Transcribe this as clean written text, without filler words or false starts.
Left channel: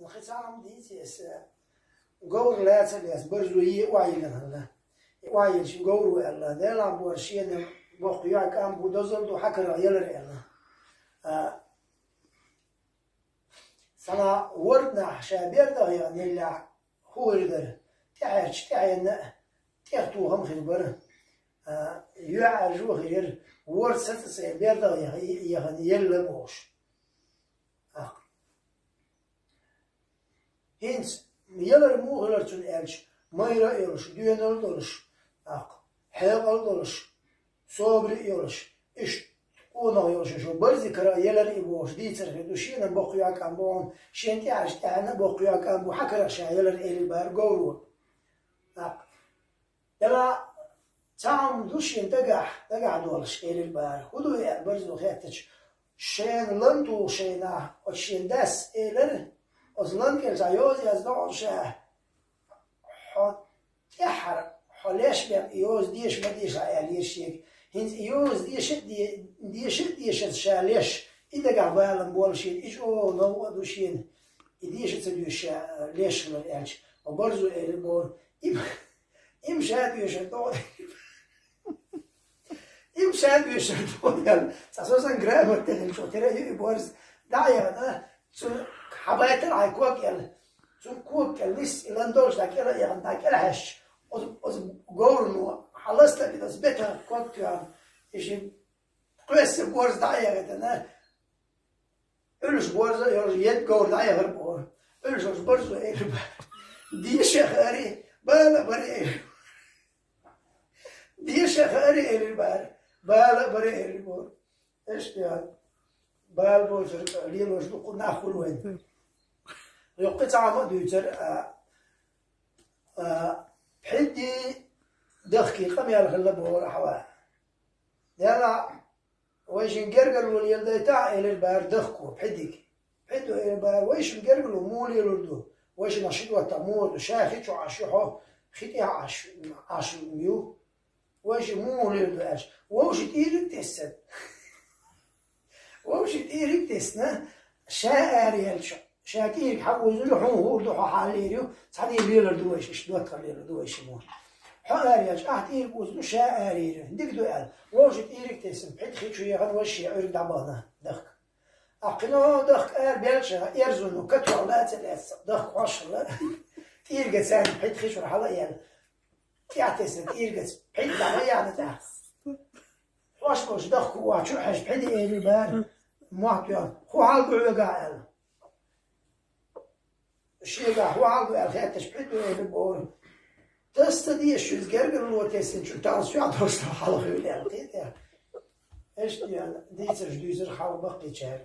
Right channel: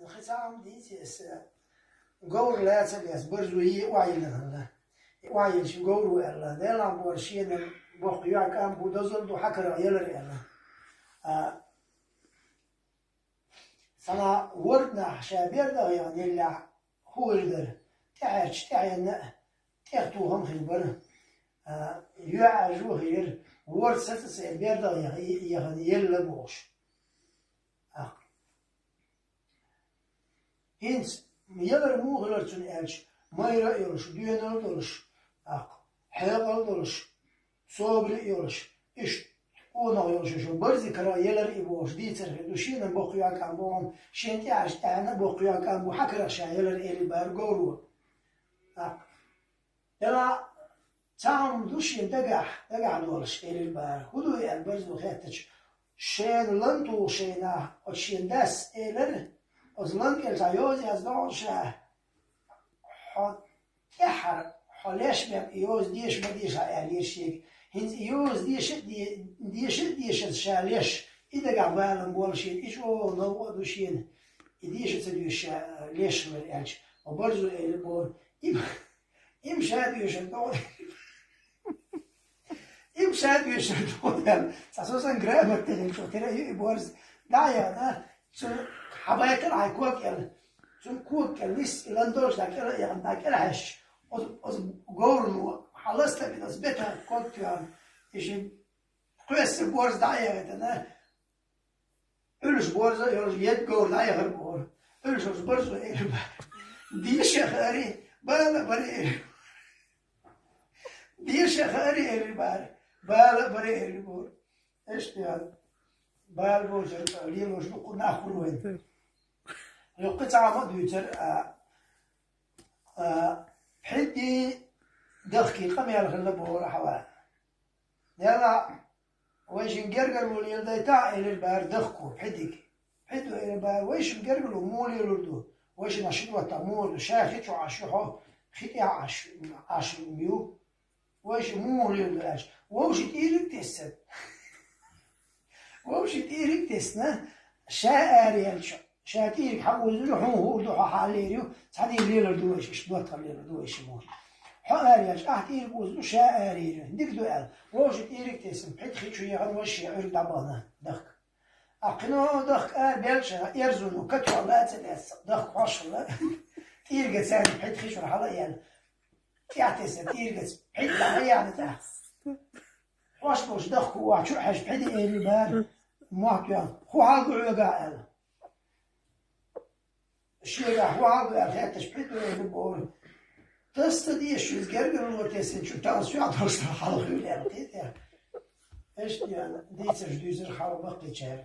الختام ديتيس قور لا تبيس برزوي وعيلنا وعيل شو قور ولا ده لام برشين بقيا كان بودزل دو حكر عيال ريانا سنا وردنا شابير ده يعني اللي هو يقدر تعيش تعينا تختوهم خبر يعجو غير ورثة سابير ده يعني يلا موش Hins, miyalar muğlar tün elç, mayra yoluş, düğünler doluş, helal doluş, sobri yoluş, iş, ona yoluş, şu bazı kara yeler iboş, diyter, düşinen bakıyor kan bu, şenti açtığına bakıyor kan bu, hakra şayeler eli bar goru. Yala tam düşün dagah doluş eli bar, hudu el bazı xetç, şen lantu şena, o şen das eler. أصلاً كالتعيوز يزدعش يحر حلاش بيم يوز ديش بديش عياليش يك هنز يوز ديش شاليش إذا قابلن بولشين إيش أو نو دوشين ديش تبيش ليش من الأنش وبرزو إلبون إم شاد يشتون إم شاد يشتون أساساً جرامر تاني شو ترى يبورز دايا ده حبايت العكوك يعني شو كوك الويس إلاندورش دكلا يعني دكلا هش أز قولنو حلست كده زبتها كوك يعني إيش قيس بورز دعية كده إلش بورز يد قول دعية غير بور إلش بورز إيه ديش خاري بالا بري ديش خاري إيه بار بالا بري إيه بور إيش يعني بال بورز ليلوش نقول نأخذ وين يقطع مدوتر حدي دخكي قم يالخلا بورا حوا يلا ويش نقرقل واليلدا تاع إلى البار دخكو حدك حدو إلى البار ويش نقرقلو مولي لردو ويش نشيدو تمول شاخيتو عشوحو خيتي عش ميو ويش مولي لردو عش ووش تيرك تسد ووش تيرك تسنا شاعر يلشا شاكير حوز لحوه ودحو حاليريو صحدي ليلة دويش إيش دوتر ليلة دويش مول حارياش أحتير بوزلو شاعريريو ديك دوال ووجد إيريك تسم حيت خيتشو يغد وشي عرق دعبانا دخك أقنو دخك بيلشا إرزونو كتو علات الأس دخك واشلا إيرقت سان حيت خيتشو رحلا يعني تيعتسن إيرقت حيت دعبا يعني تاع واشلوش دخك واشو حاش بحيدي إيري بار موحبيان خو عالقو عقاعل الشيء هو عاوز أرجع تشبيه البور تستدي شو الجرجر الوتيسن شو تعرف عطرس حلقة ولا إيش يعني ديتر حاول بقي شهر